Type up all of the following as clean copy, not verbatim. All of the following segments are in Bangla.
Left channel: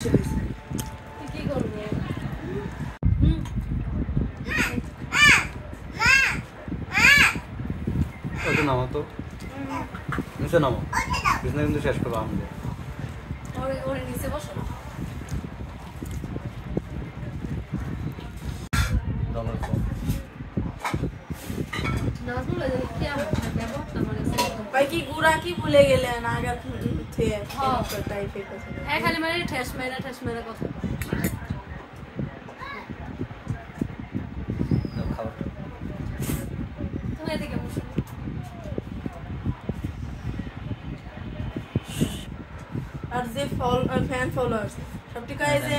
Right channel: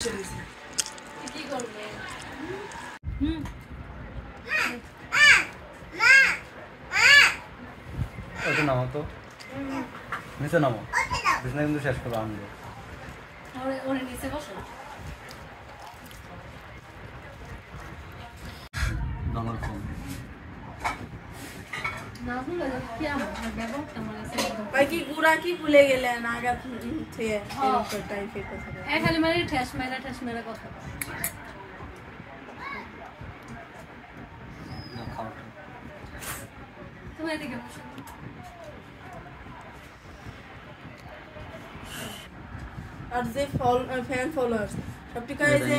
কি করবে? ওটা নামো তো, নিচে নামো, বিছনা কিন্তু শেষ করবো আমি। ওরে নিচে বসো। কি গুড়া কি ভুলে গেলেন আগা খালি মানে ঠেস মেরা কথা। তুমি এদিকে বসো। আর যে ফ্যান ফলোয়ার্স সবটি কাজ যে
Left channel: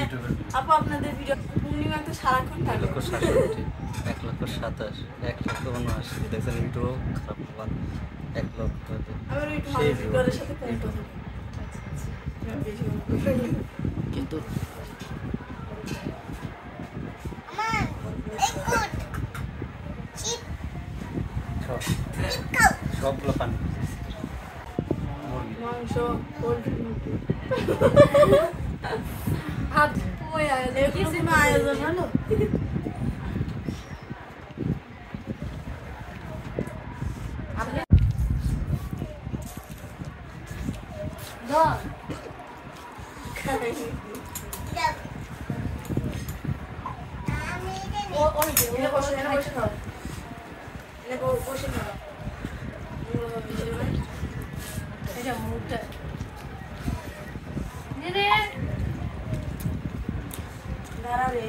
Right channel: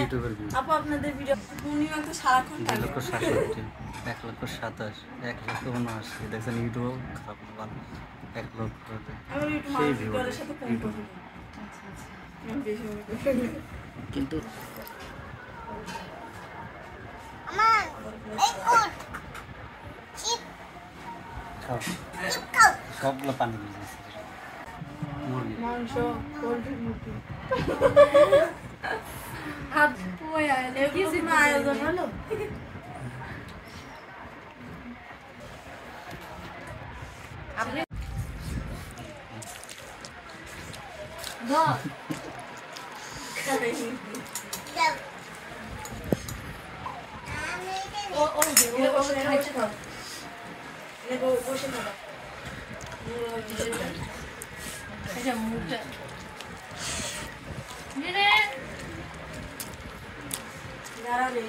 আপু আপনাদের ভিডিও পূর্ণিমা তো সারাক্ষণ থাকে 1,27,000 1,79,000 দেখছেন ইউটিউব খারাপ না 1,00,000 আমি একটু মানুষের সাথে ফোন করি কিন্তু আমার এই কোট চিপ সবগুলো পানি মুরগি মাংস পোল্ট্রি মুরগি হাত ওই এরকম আয়োজন হলো আপনি মুখটা দাঁড়াবে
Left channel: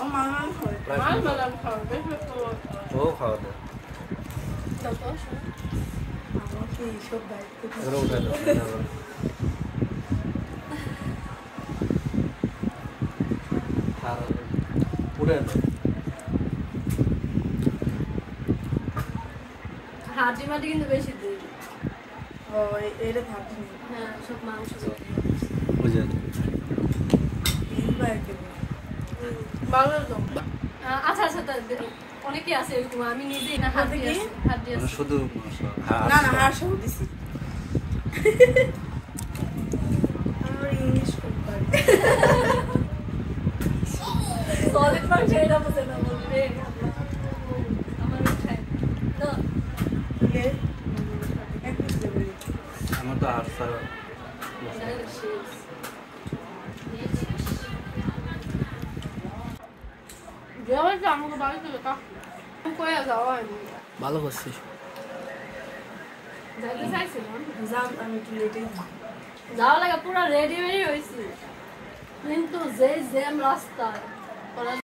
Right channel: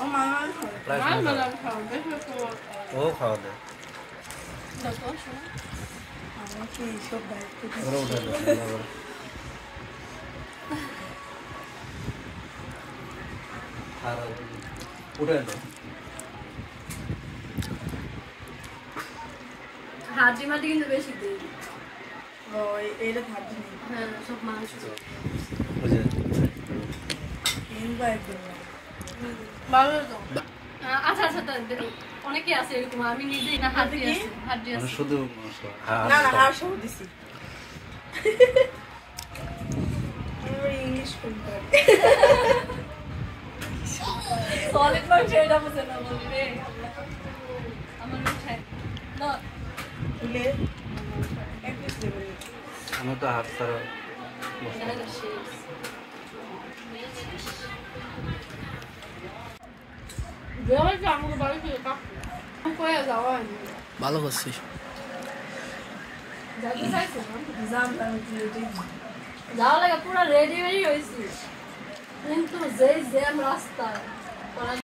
ও মামা ও খাওয়া দেয় সব দায়িত্ব হাড্ডি মাটি কিন্তু বেশি দিই। ও এটা থাকবে হ্যাঁ সব মাংস বুঝে আচ্ছা আচ্ছা অনেকে আছে এরকম আমি নিজেই না হাড্ডি আছে শুধু না না আর সব দিছি আমরা ইংলিশ পড়ি সলিড পার্ট যেটা বুঝে না বলবে আমার উঠাই তো লে এক পিস দেবে আমার তো হাত ছাড়া ভালো করছিস যাওয়া লাগে পুরো রেডি হয়েছি কিন্তু যেই জ্যাম রাস্তা